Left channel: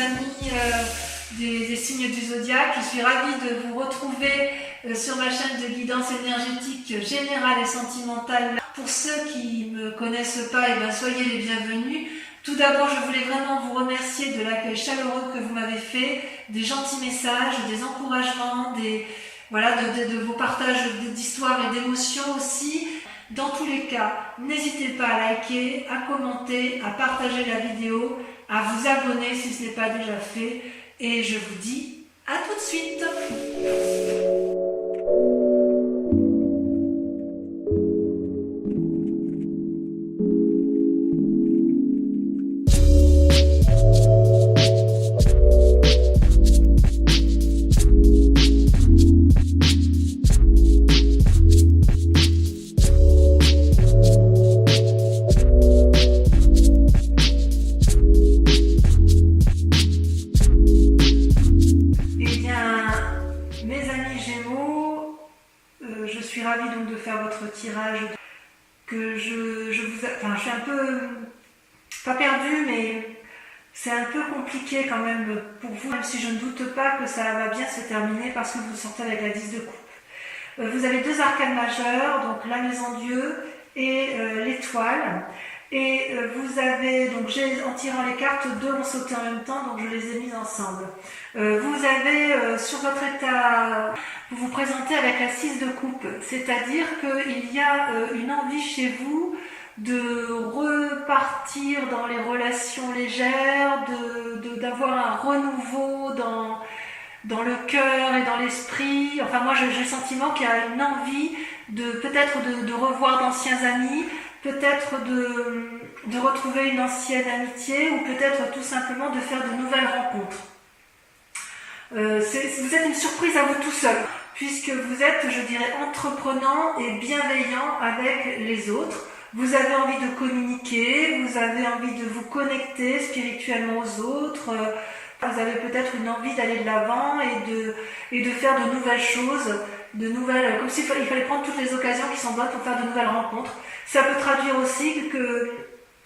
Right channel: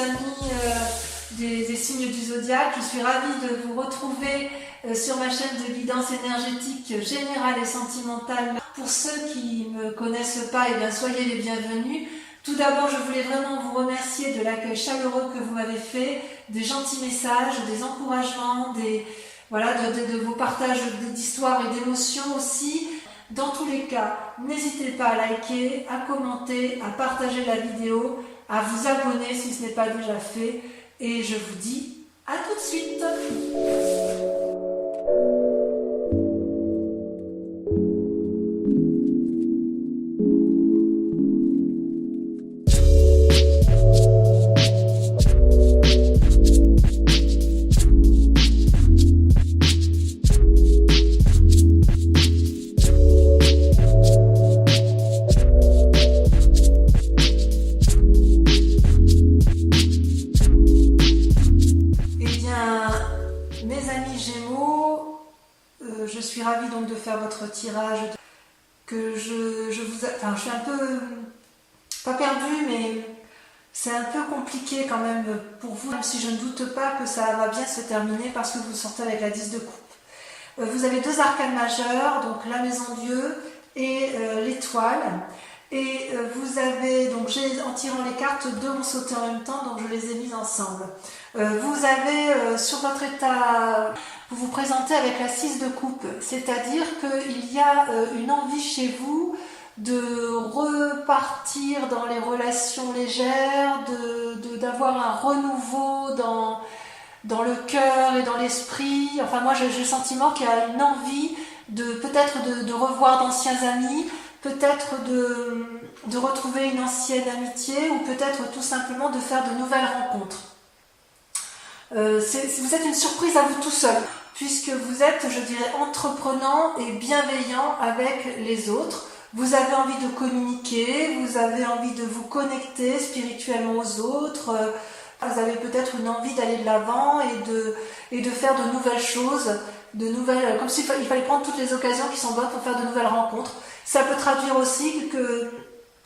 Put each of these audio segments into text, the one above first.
amis des signes du zodiaque. Je suis ravie de vous retrouver sur ma chaîne de guidance énergétique générale et sentimentale. Pour ceux qui ne me connaissent pas, soyez les bienvenus. Tout d'abord, je voulais vraiment vous remercier de l'accueil chaleureux que vous m'avez fait, des gentils messages, des encouragements, de vos partages d'histoires et d'émotions aussi. Dans tous les cas, n'hésitez pas à liker, à commenter, à partager la vidéo, à vous abonner si ce n'est pas déjà fait. Et je vous dis à tout de suite. Je suis ravie donc de faire votre tirage, je suis un peu, pas perdue, mais c'est un peu compliqué quand même pour vous, même si je ne doute pas que ça va bien se terminer parce que vous sortez avec la 10 de coupe. Vous avez deux arcanes majeures, donc la maison Dieu et l'étoile. Et vous avez, donc en tirant les cartes, deux ont sauté en même temps, donc je les ai mises ensemble. Vous avez sur votre état, vous vous présentez avec la 6 de coupe, c'est-à-dire qu'il y a une envie chez vous de repartir dans les relations légères, d'avoir un renouveau dans le cœur et dans l'esprit. Enfin moi j'ai le sentiment qu'il y a une envie peut-être de revoir d'anciens amis, peut-être de retrouver une ancienne amitié ou peut-être tout simplement de faire de nouvelles rencontres. Vous êtes une surprise à vous tout seul, puisque vous êtes, je dirais, entreprenant et bienveillant avec les autres. Vous avez envie de communiquer, vous avez envie de vous connecter spirituellement aux autres. Vous avez peut-être une envie d'aller de l'avant et de faire de nouvelles choses, comme s'il fallait prendre toutes les occasions qui sont bonnes pour faire de nouvelles rencontres. Ça peut traduire aussi que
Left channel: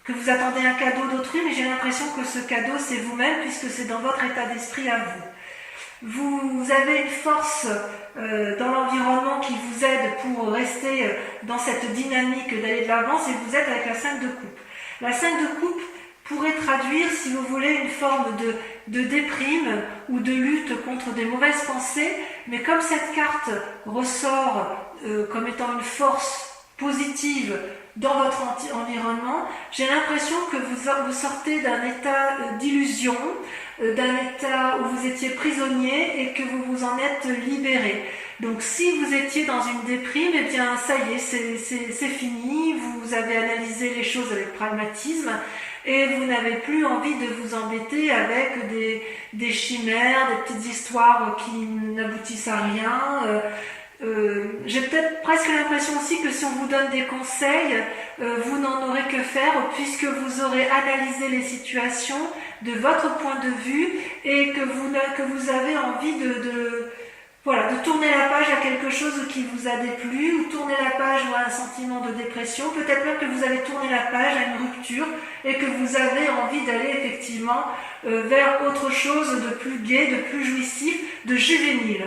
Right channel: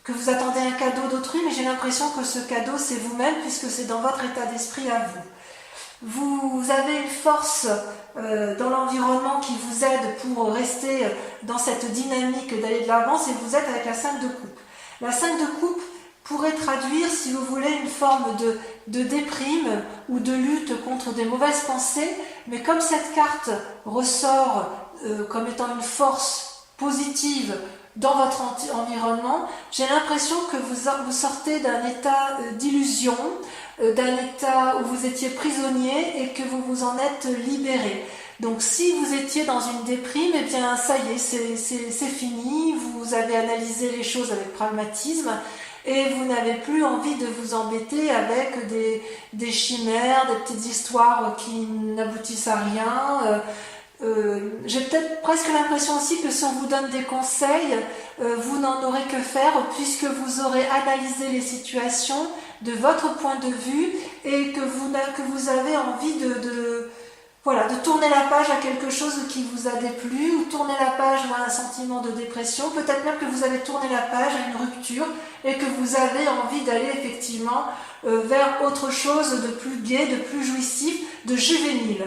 vous attendez un cadeau d'autrui, mais j'ai l'impression que ce cadeau c'est vous-même, puisque c'est dans votre état d'esprit à vous. Vous avez une force dans l'environnement qui vous aide pour rester dans cette dynamique d'aller de l'avant, et vous êtes avec la 5 de coupe. La 5 de coupe pourrait traduire, si vous voulez, une forme de déprime ou de lutte contre des mauvaises pensées, mais comme cette carte ressort comme étant une force positive dans votre environnement, j'ai l'impression que vous sortez d'un état d'illusion, d'un état où vous étiez prisonnier et que vous vous en êtes libéré. Donc si vous étiez dans une déprime, eh bien ça y est, c'est fini, vous avez analysé les choses avec pragmatisme et vous n'avez plus envie de vous embêter avec des chimères, des petites histoires qui n'aboutissent à rien. J'ai peut-être presque l'impression aussi que si on vous donne des conseils, vous n'en aurez que faire puisque vous aurez analysé les situations de votre point de vue et que vous avez envie de tourner la page à quelque chose qui vous a déplu, ou tourner la page à un sentiment de dépression, peut-être même que vous avez tourné la page à une rupture et que vous avez envie d'aller effectivement vers autre chose de plus gai, de plus jouissif, de juvénile.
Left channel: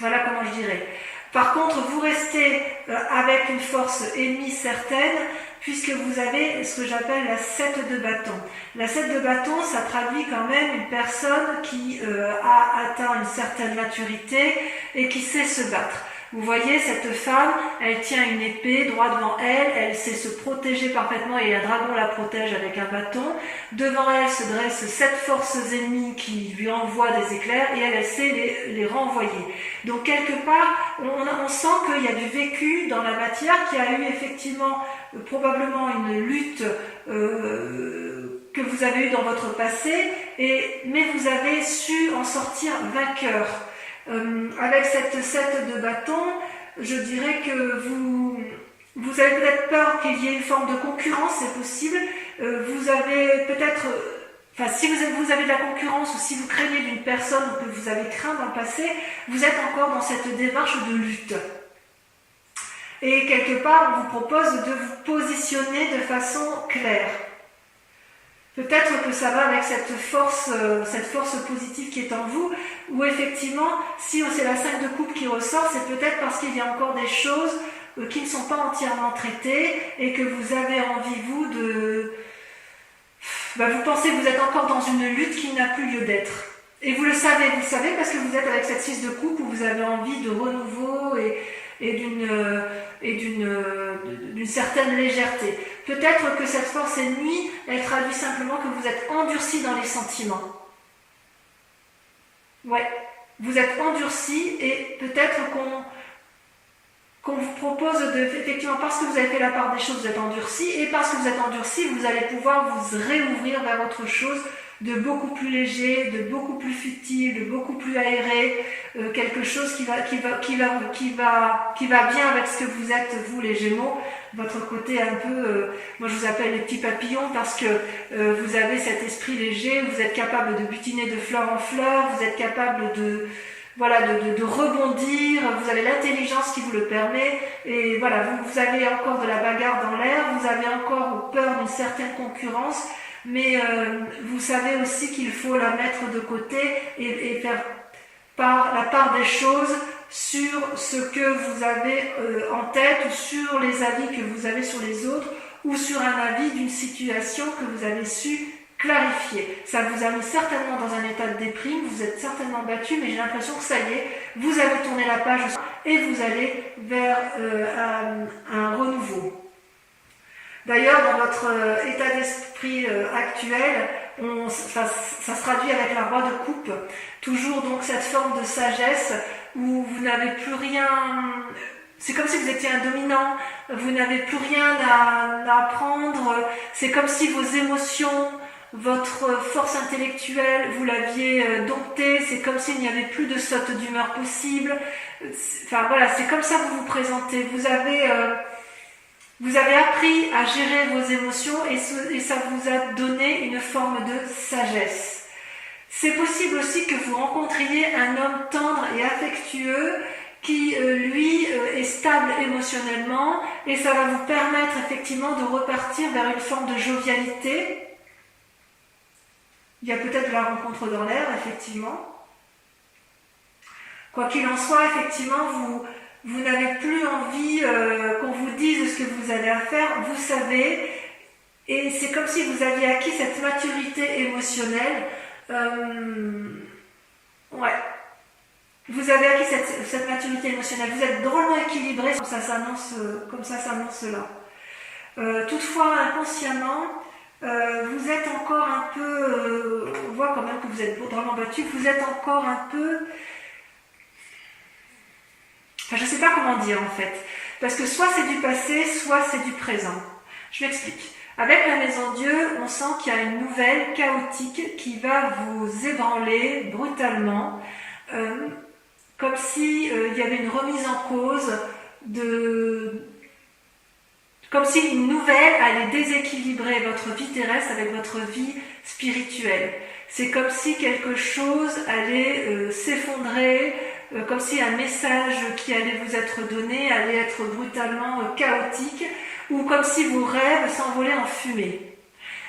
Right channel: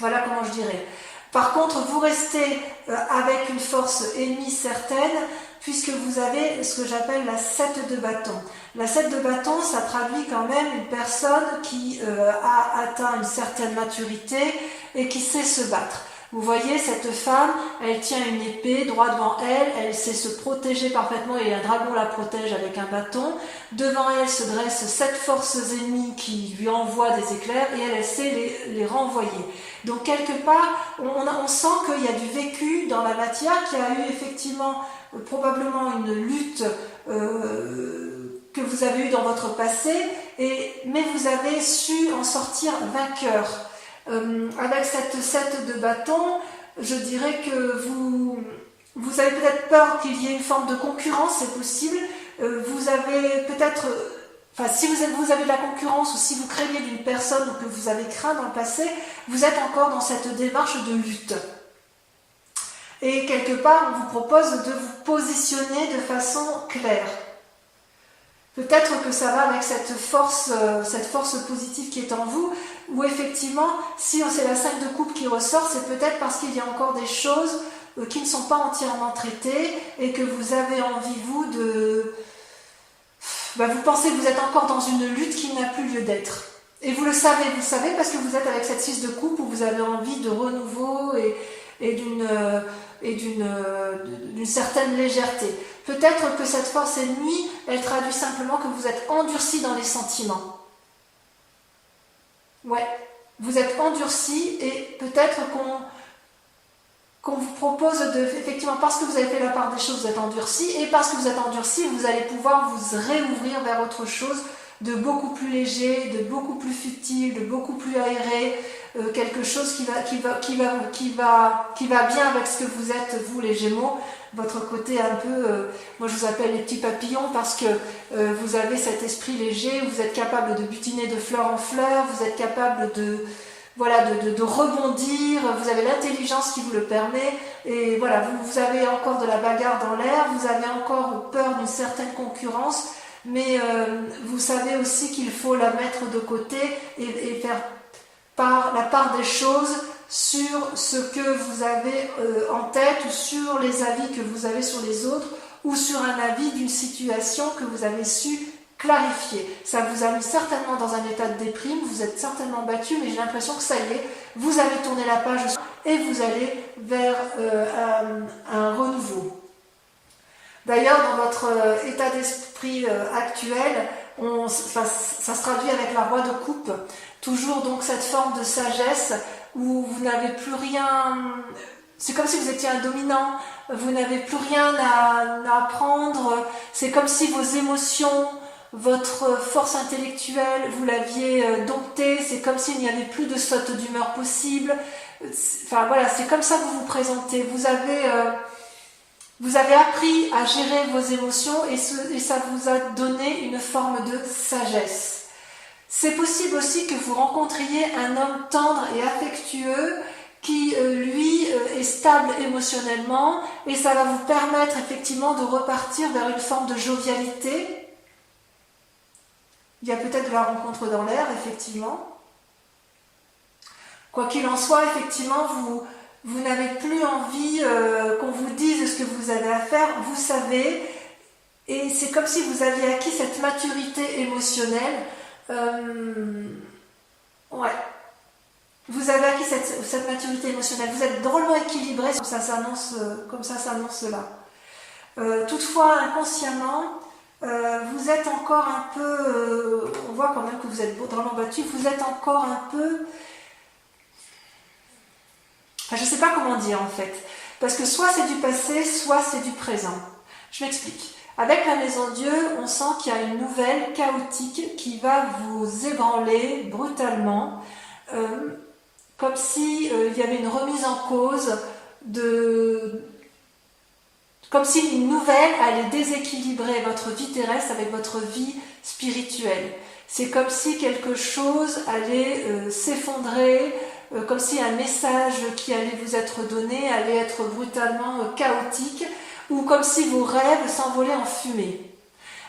Voilà comment je dirais. Par contre, vous restez avec une force ennemie certaine, puisque vous avez ce que j'appelle la 7 de bâton. La 7 de bâton, ça traduit quand même une personne qui a atteint une certaine maturité et qui sait se battre. Vous voyez, cette femme, elle tient une épée droit devant elle, elle sait se protéger parfaitement et un dragon la protège avec un bâton. Devant elle se dressent 7 forces ennemies qui lui envoient des éclairs et elle sait les renvoyer. Donc quelque part, on sent qu'il y a du vécu dans la matière, qu'il y a eu effectivement probablement une lutte que vous avez eue dans votre passé, mais vous avez su en sortir vainqueur. Avec cette 7 de bâton, je dirais que vous avez peut-être peur qu'il y ait une forme de concurrence, c'est possible. Vous avez peut-être, si vous avez de la concurrence ou si vous craignez d'une personne que vous avez craint dans le passé, vous êtes encore dans cette démarche de lutte. Et quelque part, on vous propose de vous positionner de façon claire. Peut-être que ça va avec cette force positive qui est en vous, ou effectivement, si c'est la 5 de coupe qui ressort, c'est peut-être parce qu'il y a encore des choses qui ne sont pas entièrement traitées et que vous avez envie, vous, vous pensez que vous êtes encore dans une lutte qui n'a plus lieu d'être. Et vous le savez parce que vous êtes avec cette 6 de coupe où vous avez envie de renouveau et d'une certaine légèreté. Peut-être que cette force ennemie, elle traduit simplement que vous êtes endurci dans les sentiments. Ouais, vous êtes endurci et peut-être qu'on vous propose effectivement, parce que vous avez fait la part des choses, vous êtes endurci, et parce que vous êtes endurci, vous allez pouvoir vous réouvrir vers autre chose de beaucoup plus léger, de beaucoup plus futile, de beaucoup plus aéré, quelque chose qui va bien avec ce que vous êtes, vous les Gémeaux, votre côté un peu, moi je vous appelle les petits papillons parce que vous avez cet esprit léger, vous êtes capable de butiner de fleur en fleur, vous êtes capable de rebondir, vous avez l'intelligence qui vous le permet, et voilà, vous avez encore de la bagarre dans l'air, vous avez encore peur d'une certaine concurrence, mais vous savez aussi qu'il faut la mettre de côté et faire la part des choses sur ce que vous avez en tête, ou sur les avis que vous avez sur les autres, ou sur un avis d'une situation que vous avez su clarifier. Ça vous a mis certainement dans un état de déprime, vous êtes certainement battu, mais j'ai l'impression que ça y est, vous avez tourné la page et vous allez vers un renouveau. D'ailleurs, dans votre état d'esprit actuel, ça se traduit avec la roi de coupe, toujours donc cette forme de sagesse où vous n'avez plus rien, c'est comme si vous étiez un dominant, vous n'avez plus rien à apprendre, c'est comme si vos émotions, votre force intellectuelle, vous l'aviez domptée, c'est comme s'il n'y avait plus de saute d'humeur possible. Enfin voilà, c'est comme ça que vous vous présentez. Vous avez appris à gérer vos émotions et ça vous a donné une forme de sagesse. C'est possible aussi que vous rencontriez un homme tendre et affectueux qui, lui, est stable émotionnellement, et ça va vous permettre effectivement de repartir vers une forme de jovialité. Il y a peut-être de la rencontre dans l'air, effectivement. Quoi qu'il en soit, effectivement, vous n'avez plus envie qu'on vous dise ce que vous avez à faire, vous savez, et c'est comme si vous aviez acquis cette maturité émotionnelle. Ouais. Vous avez acquis cette maturité émotionnelle, vous êtes drôlement équilibré, comme ça s'annonce là. Toutefois, inconsciemment, vous êtes encore un peu, on voit quand même que vous êtes drôlement battu, vous êtes encore un peu, enfin je ne sais pas comment dire en fait, parce que soit c'est du passé, soit c'est du présent. Je m'explique. Avec la Maison Dieu, on sent qu'il y a une nouvelle chaotique qui va vous ébranler brutalement, comme si il y avait une remise en cause comme si une nouvelle allait déséquilibrer votre vie terrestre avec votre vie spirituelle. C'est comme si quelque chose allait s'effondrer, comme si un message qui allait vous être donné allait être brutalement chaotique, ou comme si vos rêves s'envolaient en fumée.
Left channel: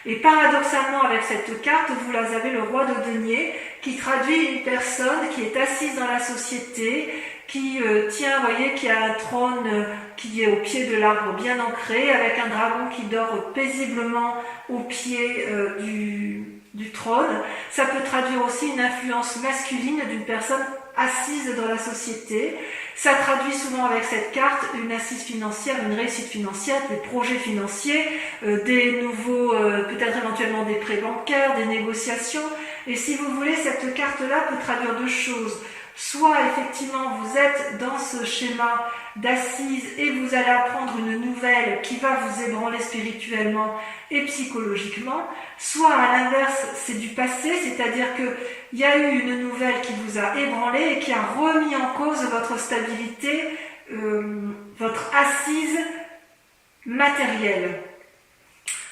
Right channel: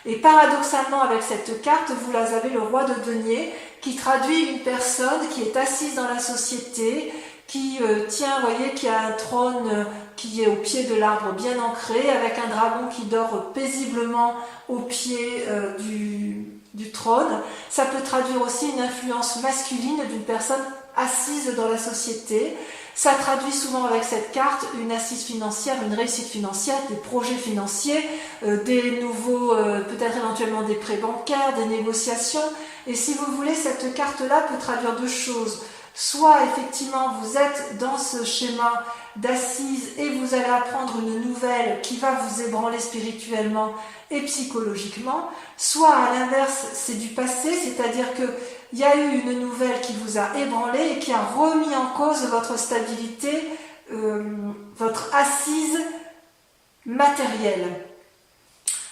Et paradoxalement, avec cette carte, vous avez le roi de denier qui traduit une personne qui est assise dans la société, qui tient, vous voyez, qui a un trône qui est au pied de l'arbre bien ancré, avec un dragon qui dort paisiblement au pied du trône. Ça peut traduire aussi une influence masculine d'une personne assise dans la société. Ça traduit souvent avec cette carte une assise financière, une réussite financière, des projets financiers, des nouveaux, peut-être éventuellement des prêts bancaires, des négociations. Et si vous voulez, cette carte-là peut traduire deux choses. Soit effectivement vous êtes dans ce schéma d'assise et vous allez apprendre une nouvelle qui va vous ébranler spirituellement et psychologiquement, soit à l'inverse c'est du passé, c'est-à-dire qu'il y a eu une nouvelle qui vous a ébranlé et qui a remis en cause votre stabilité, votre assise matérielle.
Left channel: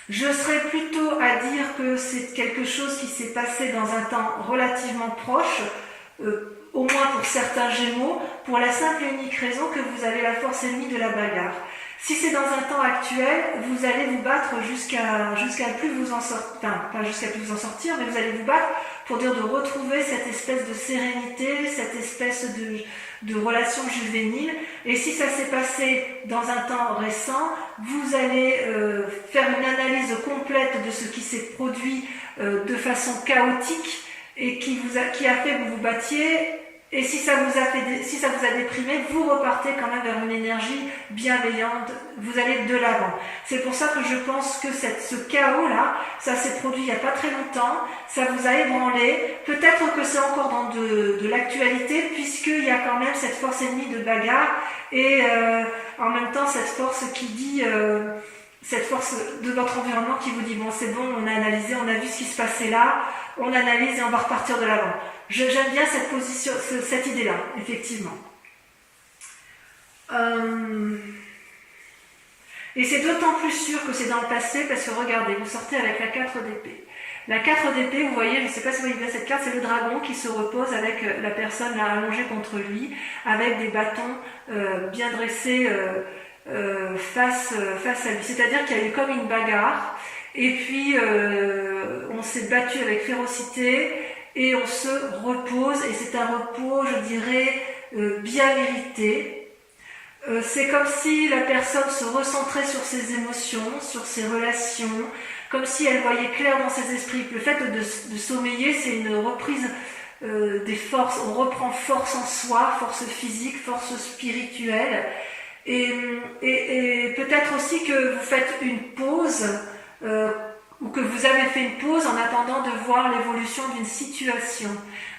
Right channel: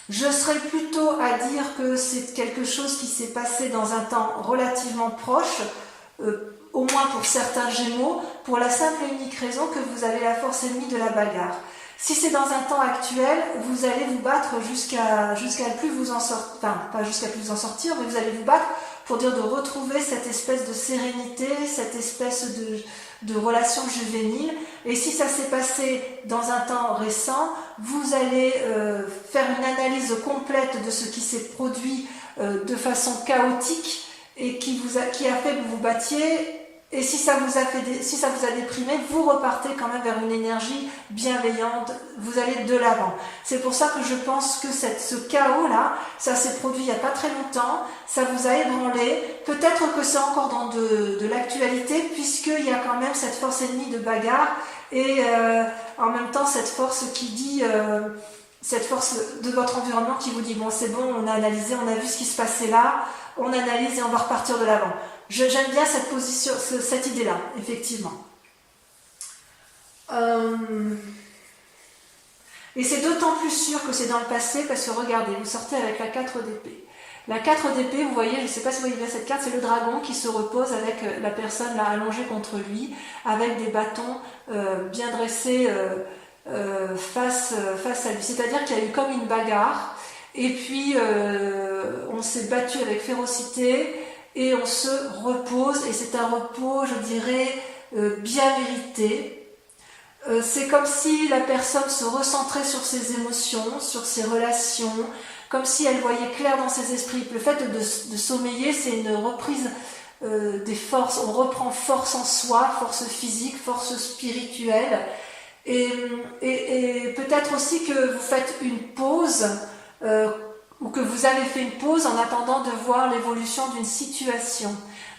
Je serais plutôt à dire que c'est quelque chose qui s'est passé dans un temps relativement proche, au moins pour certains Gémeaux, pour la simple et unique raison que vous avez la force ennemie de la bagarre. Si c'est dans un temps actuel, vous allez vous battre jusqu'à plus vous en sortir, enfin pas jusqu'à plus vous en sortir, mais vous allez vous battre pour dire de retrouver cette espèce de sérénité, cette espèce de relation juvénile. Et si ça s'est passé dans un temps récent, vous allez faire une analyse complète de ce qui s'est produit de façon chaotique et qui a fait que vous vous battiez. Et si ça vous a déprimé, vous repartez quand même vers une énergie bienveillante, vous allez de l'avant. C'est pour ça que je pense que ce chaos-là, ça s'est produit il n'y a pas très longtemps, ça vous a ébranlé. Peut-être que c'est encore dans de l'actualité, puisqu'il y a quand même cette force ennemie de bagarre, et en même temps cette force qui dit... cette force de votre environnement qui vous dit bon c'est bon, on a analysé, on a vu ce qui se passait là, on analyse et on va repartir de l'avant. J'aime bien cette position, cette idée-là, effectivement. Et c'est d'autant plus sûr que c'est dans le passé parce que regardez, vous sortez avec la 4 d'épée. La 4 d'épée, vous voyez, je ne sais pas si vous voyez bien cette carte, c'est le dragon qui se repose avec la personne là allongée contre lui, avec des bâtons bien dressés face à lui. C'est-à-dire qu'il y a eu comme une bagarre, et puis on s'est battu avec férocité, et on se repose, et c'est un repos, je dirais, bien mérité. C'est comme si la personne se recentrait sur ses émotions, sur ses relations, comme si elle voyait clair dans ses esprits. Le fait de sommeiller, c'est une reprise des forces. On reprend force en soi, force physique, force spirituelle. Et peut-être aussi que vous faites une pause, ou que vous avez fait une pause en attendant de voir l'évolution d'une situation.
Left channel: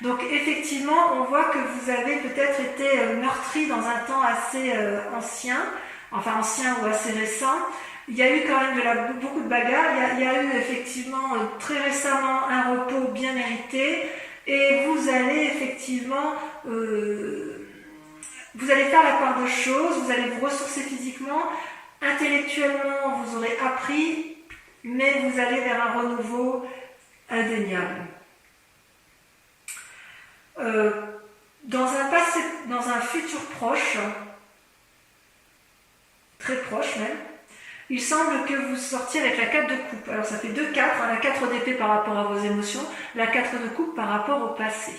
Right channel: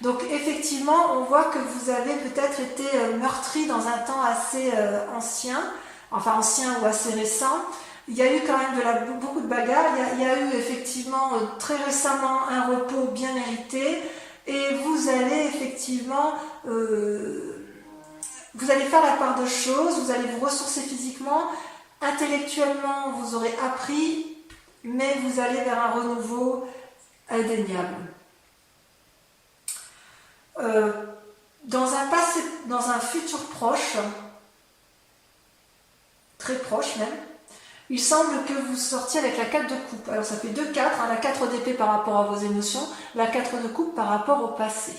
Donc effectivement, on voit que vous avez peut-être été meurtri dans un temps assez ancien ou assez récent. Il y a eu quand même beaucoup de bagarres, il y a eu effectivement très récemment un repos bien mérité, et vous allez effectivement... vous allez faire la part de choses, vous allez vous ressourcer physiquement, intellectuellement vous aurez appris, mais vous allez vers un renouveau indéniable. Dans un futur proche, très proche même, il semble que vous sortiez avec la 4 de coupe. Alors ça fait 2-4, la 4 d'épée par rapport à vos émotions, la 4 de coupe par rapport au passé.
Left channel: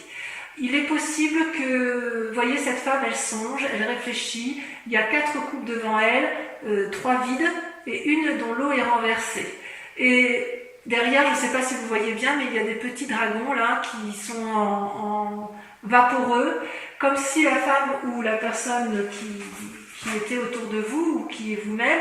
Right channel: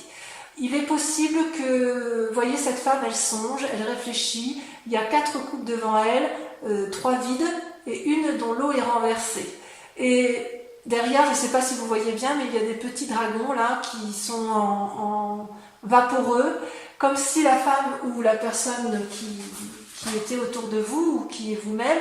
Il est possible que, vous voyez, cette femme, elle songe, elle réfléchit, il y a 4 coupes devant elle, 3 vides et une dont l'eau est renversée. Et derrière, je ne sais pas si vous voyez bien, mais il y a des petits dragons là qui sont en vaporeux, comme si la femme ou la personne qui était autour de vous ou qui est vous-même,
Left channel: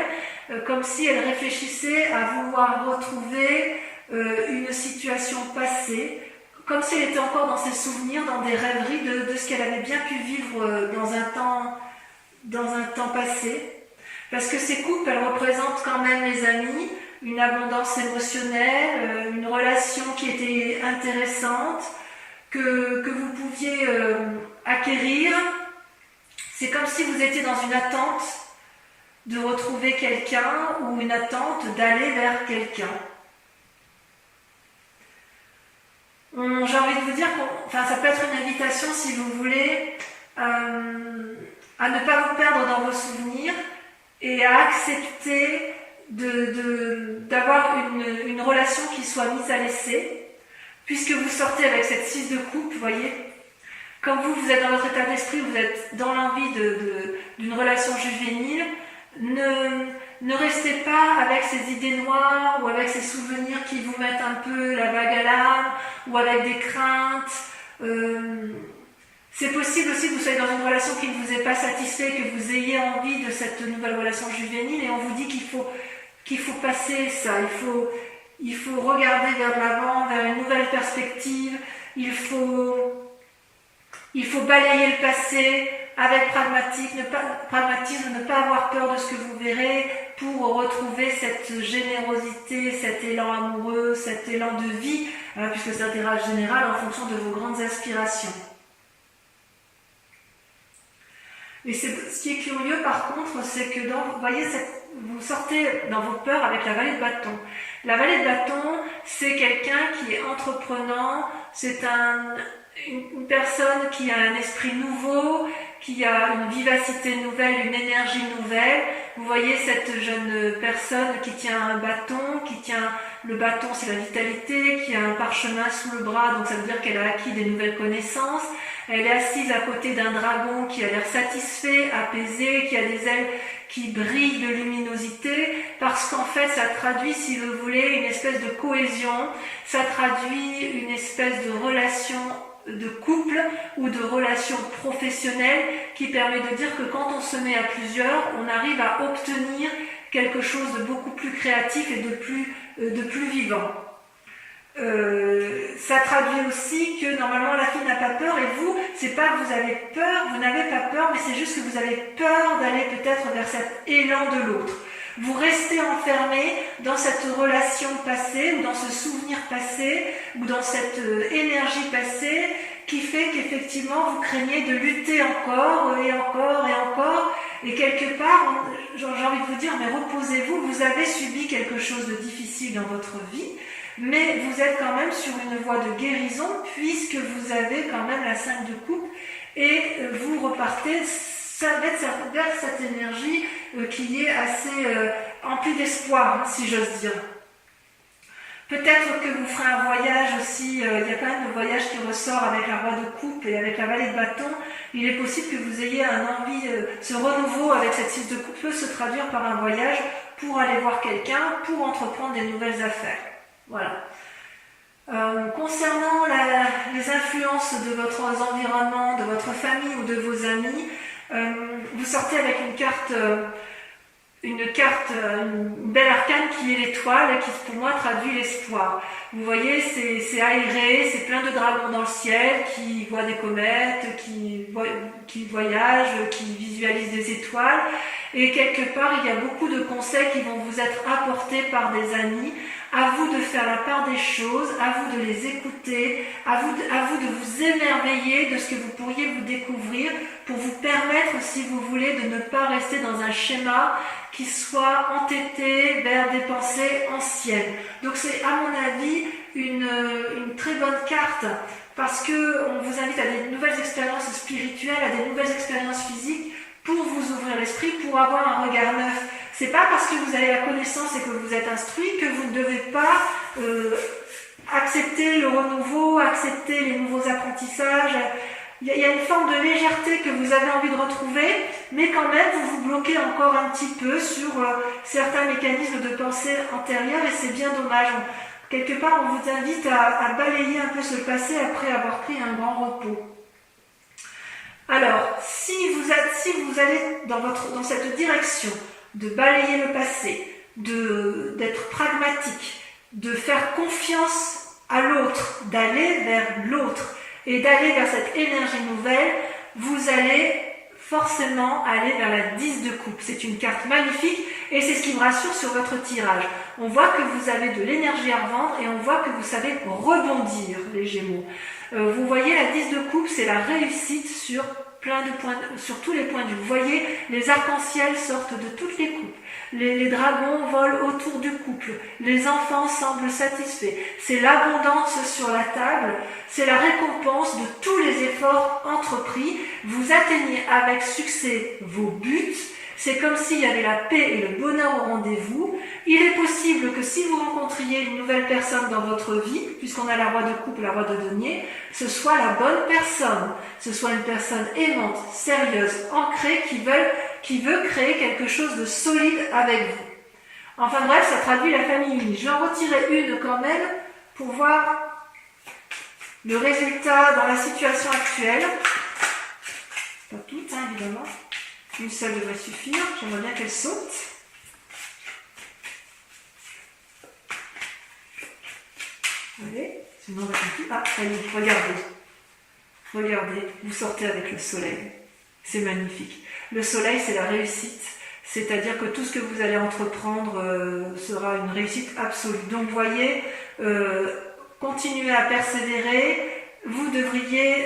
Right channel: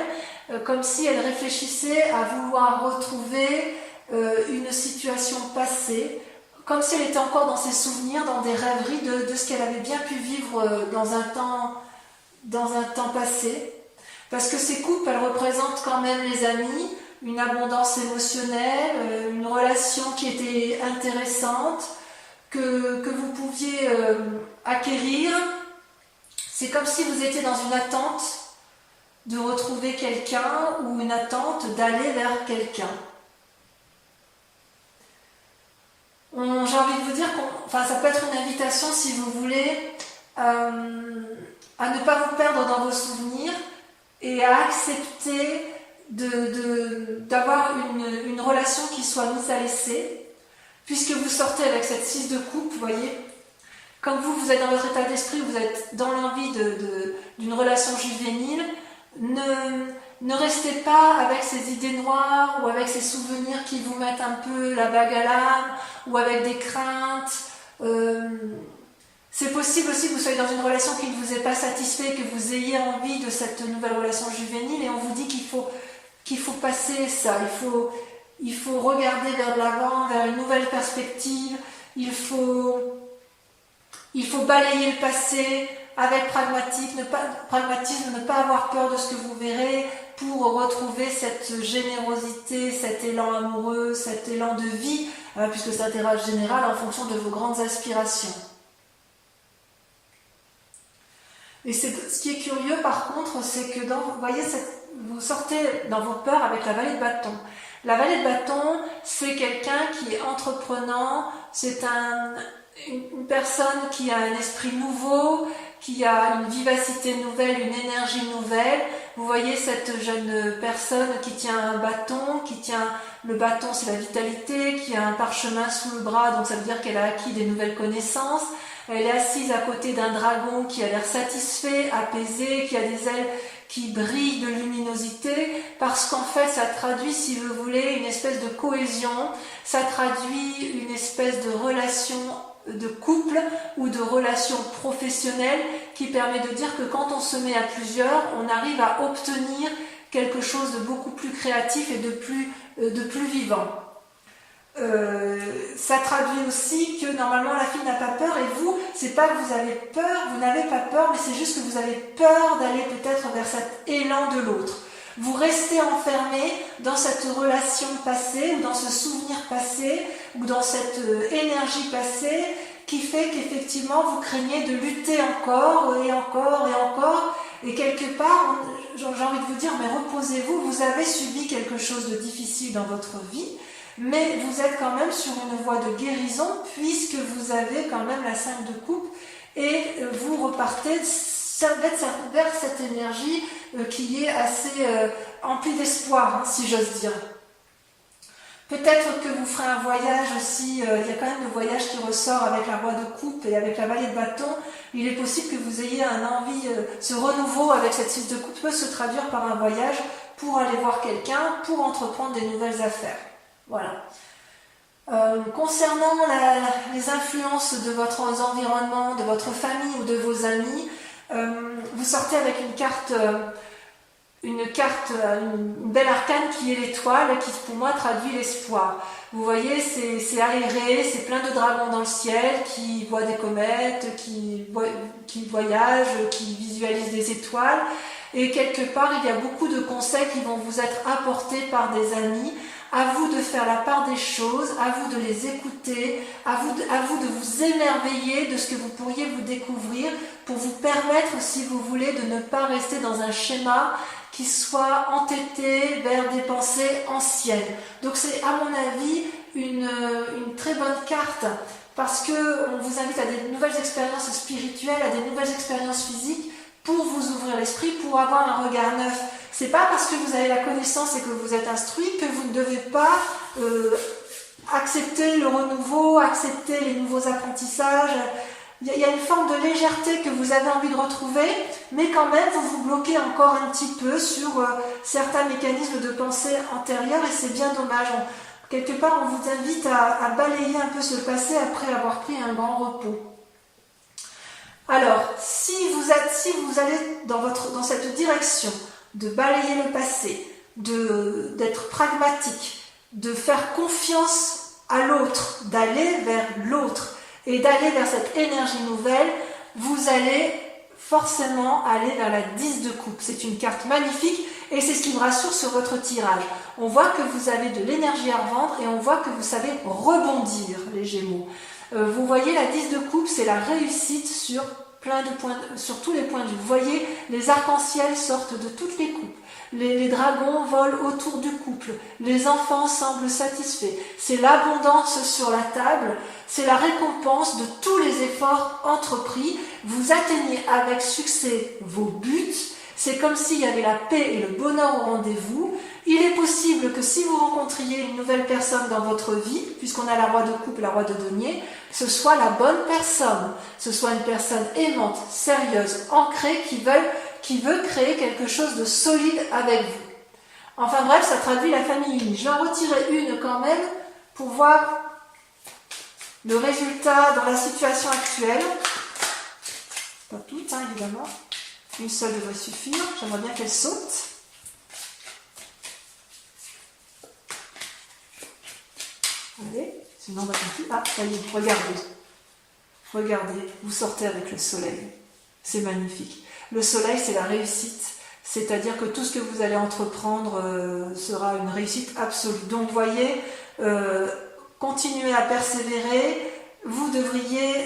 comme si elle réfléchissait à vouloir retrouver une situation passée, comme si elle était encore dans ses souvenirs, dans des rêveries de ce qu'elle avait bien pu vivre dans un temps passé. Parce que ces coupes, elles représentent quand même les amis, une abondance émotionnelle, une relation qui était intéressante, que vous pouviez acquérir. C'est comme si vous étiez dans une attente de retrouver quelqu'un ou une attente d'aller vers quelqu'un. J'ai envie de vous dire ça peut être une invitation, si vous voulez, à ne pas vous perdre dans vos souvenirs et à accepter d'avoir une relation qui soit mise à l'essai, puisque vous sortez avec cette 6 de coupe, vous voyez. Comme vous êtes dans votre état d'esprit, vous êtes dans l'envie d'une relation juvénile, ne restez pas avec ces idées noires ou avec ces souvenirs qui vous mettent un peu la bague à l'âme ou avec des craintes. C'est possible aussi que vous soyez dans une relation qui ne vous ait pas satisfait, que vous ayez envie de cette nouvelle relation juvénile, et on vous dit qu'il faut passer ça, il faut regarder vers de l'avant, vers une nouvelle perspective, il faut balayer le passé avec pragmatisme, ne pas avoir peur de ce que vous verrez pour retrouver cette générosité, cet élan amoureux, cet élan de vie, puisque c'est un tirage général en fonction de vos grandes aspirations. Et ce qui est curieux par contre, c'est que vous voyez, vous sortez dans vos peurs avec la vallée de bâton. La vallée de bâton, c'est quelqu'un qui est entreprenant, c'est une personne qui a un esprit nouveau, qui a une vivacité nouvelle, une énergie nouvelle. Vous voyez cette jeune personne qui tient un bâton, le bâton c'est la vitalité, qui a un parchemin sous le bras, donc ça veut dire qu'elle a acquis des nouvelles connaissances. Elle est assise à côté d'un dragon qui a l'air satisfait, apaisé, qui a des ailes qui brillent de luminosité, parce qu'en fait ça traduit, si vous voulez, une espèce de cohésion, ça traduit une espèce de relation de couple ou de relation professionnelle qui permet de dire que quand on se met à plusieurs, on arrive à obtenir quelque chose de beaucoup plus créatif et de plus vivant. Ça traduit aussi que normalement la fille n'a pas peur, et vous, c'est pas que vous avez peur, vous n'avez pas peur, mais c'est juste que vous avez peur d'aller peut-être vers cet élan de l'autre. Vous restez enfermé dans cette relation passée, ou dans ce souvenir passé, ou dans cette énergie passée, qui fait qu'effectivement vous craignez de lutter encore et encore et encore, et quelque part, j'ai envie de vous dire, mais reposez-vous, vous avez subi quelque chose de difficile dans votre vie, mais vous êtes quand même sur une voie de guérison, puisque vous avez quand même la 5 de coupe, et vous repartez vers cette énergie qui est assez emplie d'espoir, si j'ose dire. Peut-être que vous ferez un voyage aussi, il y a quand même le voyage qui ressort avec la roi de coupe et avec la vallée de bâton. Il est possible que vous ayez un envie, ce renouveau avec cette 6 de coupe peut se traduire par un voyage pour aller voir quelqu'un, pour entreprendre des nouvelles affaires. Voilà. Concernant les influences de votre environnement, de votre famille ou de vos amis, vous sortez avec une belle arcane qui est l'étoile, qui pour moi traduit l'espoir. Vous voyez, c'est aéré, c'est plein de dragons dans le ciel qui voient des comètes, qui voyagent, qui visualisent des étoiles. Et quelque part, il y a beaucoup de conseils qui vont vous être apportés par des amis. À vous de faire la part des choses, à vous de les écouter, à vous de vous émerveiller de ce que vous pourriez vous découvrir pour vous permettre, si vous voulez, de ne pas rester dans un schéma qui soit entêté vers des pensées anciennes. Donc c'est, à mon avis, une très bonne carte, parce qu'on vous invite à des nouvelles expériences spirituelles, à des nouvelles expériences physiques, pour vous ouvrir l'esprit, pour avoir un regard neuf. C'est pas parce que vous avez la connaissance et que vous êtes instruit que vous ne devez pas accepter le renouveau, accepter les nouveaux apprentissages. Il y a une forme de légèreté que vous avez envie de retrouver, mais quand même vous vous bloquez encore un petit peu sur certains mécanismes de pensée antérieurs, et c'est bien dommage. Quelque part, on vous invite à balayer un peu ce passé après avoir pris un grand repos. Alors, si vous allez dans cette direction de balayer le passé, d'être pragmatique, de faire confiance à l'autre, d'aller vers l'autre et d'aller vers cette énergie nouvelle, vous allez forcément aller vers la 10 de coupe. C'est une carte magnifique et c'est ce qui me rassure sur votre tirage. On voit que vous avez de l'énergie à revendre et on voit que vous savez rebondir, les Gémeaux. Vous voyez, la 10 de coupe, c'est la réussite sur sur tous les points de vue. Vous voyez, les arcs-en-ciel sortent de toutes les coupes. Les dragons volent autour du couple. Les enfants semblent satisfaits. C'est l'abondance sur la table. C'est la récompense de tous les efforts entrepris. Vous atteignez avec succès vos buts. C'est comme s'il y avait la paix et le bonheur au rendez-vous. Il est possible que si vous rencontriez une nouvelle personne dans votre vie, puisqu'on a la roi de coupe, la roi de denier, ce soit la bonne personne, ce soit une personne aimante, sérieuse, ancrée, qui veut créer quelque chose de solide avec vous. Enfin bref, ça traduit la famille unie. Je vais en retirer une quand même pour voir le résultat dans la situation actuelle. Pas toutes, hein, évidemment. Une seule devrait suffire. J'aimerais bien qu'elle saute. Allez, sinon on va continuer. Ah, ça y est, regardez. Regardez, vous sortez avec le soleil. C'est magnifique. Le soleil, c'est la réussite. C'est-à-dire que tout ce que vous allez entreprendre sera une réussite absolue. Donc, vous voyez, continuez à persévérer. Vous devriez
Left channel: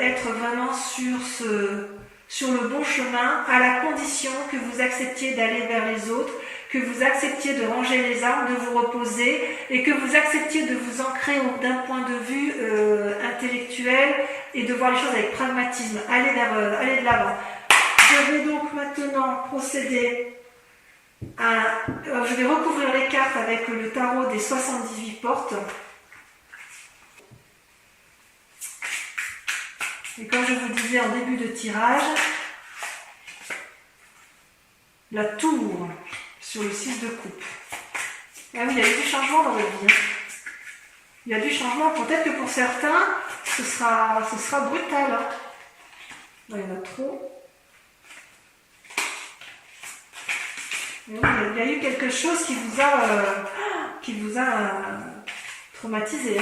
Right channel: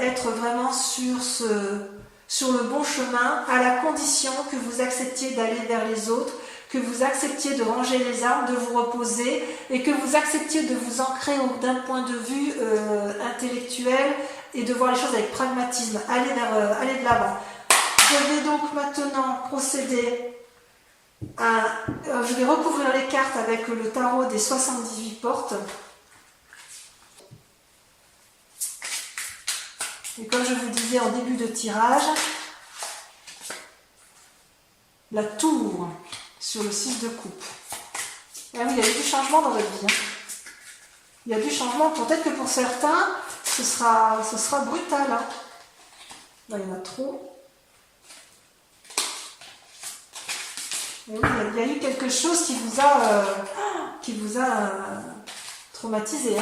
être vraiment sur le bon chemin, à la condition que vous acceptiez d'aller vers les autres, que vous acceptiez de ranger les armes, de vous reposer et que vous acceptiez de vous ancrer d'un point de vue intellectuel et de voir les choses avec pragmatisme. Allez de l'avant. Je vais donc maintenant procéder je vais recouvrir les cartes avec le tarot des 78 portes. Et comme je vous le disais en début de tirage, la tour sur le 6 de coupe. Ah oui, il y a eu du changement dans votre vie. Il y a du changement. Peut-être que pour certains, ce sera brutal. Là, il y en a trop. Et oui, il y a eu quelque chose qui vous a traumatisé.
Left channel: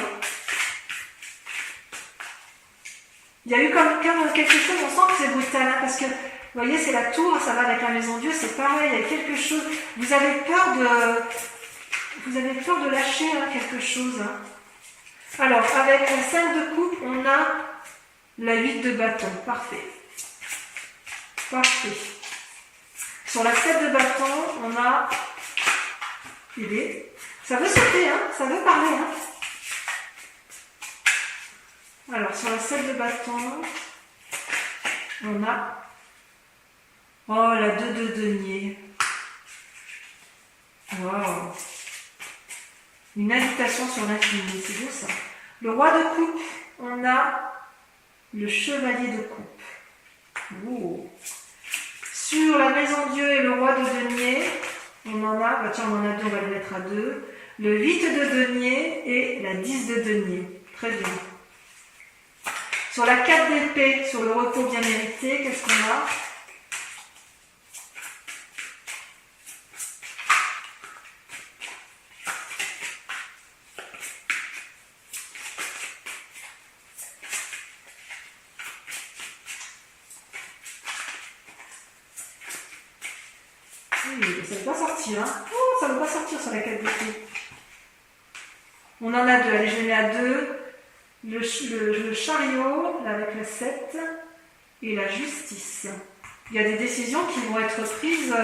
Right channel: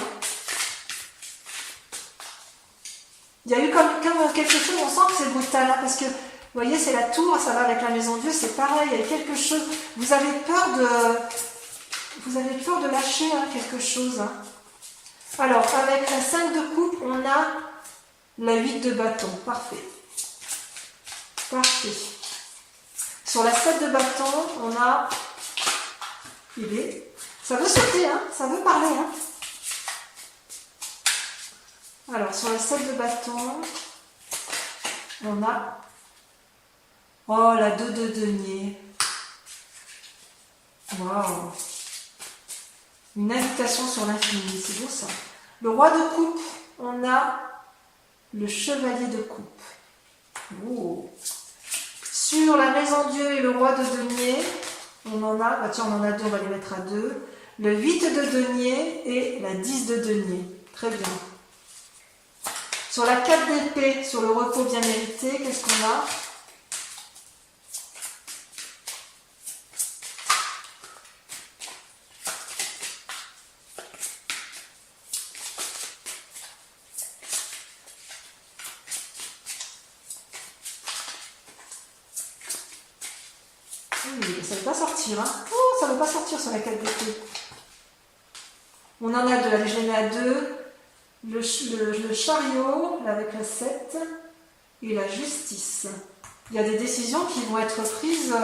Il y a eu comme quelque chose, on sent que c'est brutal, parce que, vous voyez, c'est la tour, ça va avec la maison Dieu, c'est pareil, il y a quelque chose, vous avez peur de lâcher quelque chose. Alors, avec la 5 de coupe, on a la 8 de bâton, parfait. Parfait. Sur la 7 de bâton, on a ça veut sauter, ça veut parler. Alors, sur la 7 de bâton, on a la 2 de denier. Waouh! Une invitation sur l'infini, c'est beau ça. Le roi de coupe, on a le chevalier de coupe. Oh. Sur la maison Dieu et le roi de denier, on en a, on en a deux, on va le mettre à 2. Le 8 de denier et la 10 de denier. Très bien. Sur la 4 d'épée, sur le repos bien mérité, qu'est-ce qu'on a? Oui, ça ne veut pas sortir. Oh, ça ne veut pas sortir sur la 4 d'épée. On en a 2. Allez, je les mets à 2. Le chariot, là, avec la 7, et la justice. Il y a des décisions qui vont être prises,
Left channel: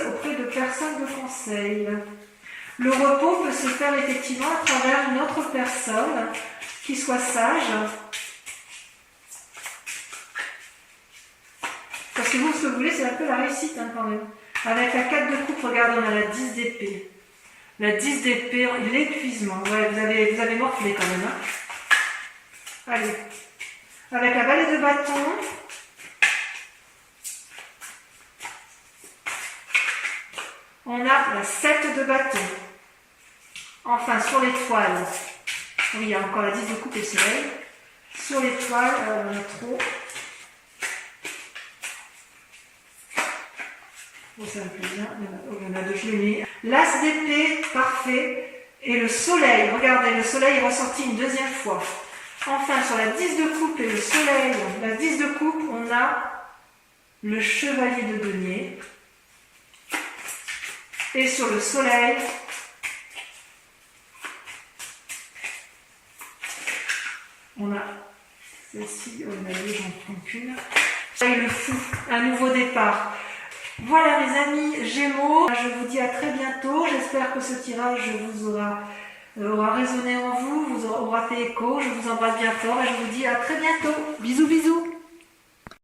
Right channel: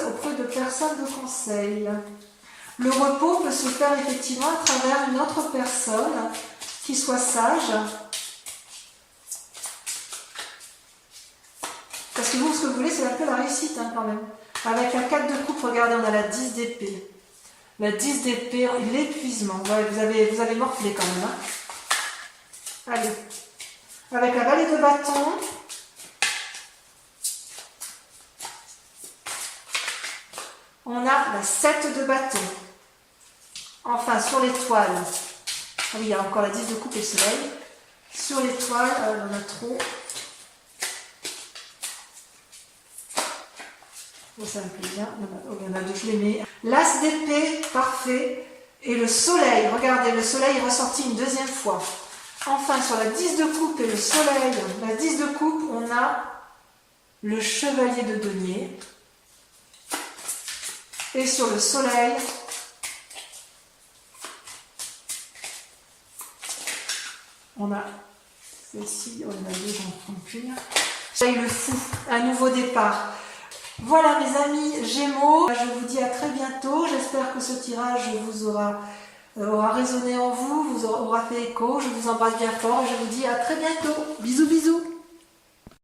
auprès de personnes de conseil. Le repos peut se faire effectivement à travers une autre personne qui soit sage. Parce que vous, ce que vous voulez, c'est un peu la réussite quand même. Avec la 4 de coupe, regardez, on a la 10 d'épée. La 10 d'épée, l'épuisement. Ouais, vous avez morflé quand même. Allez. Avec la vallée de bâton. On a la 7 de bâton. Enfin, sur l'étoile. Oui, il y a encore la 10 de coupe et le soleil. Sur l'étoile, on en a trop. Bon, ça me plaît bien. Il y en a 2, je les mets. L'as d'épée, parfait. Et le soleil, regardez, le soleil est ressorti une deuxième fois. Enfin, sur la 10 de coupe et le soleil, la 10 de coupe, on a le chevalier de denier. Et sur le soleil, on a celle-ci, on a 2, j'en prends qu'une. Et le fou, un nouveau départ. Voilà mes amis Gémeaux, je vous dis à très bientôt. J'espère que ce tirage vous aura résonné en vous, vous aura fait écho. Je vous embrasse bien fort et je vous dis à très bientôt. Bisous bisous.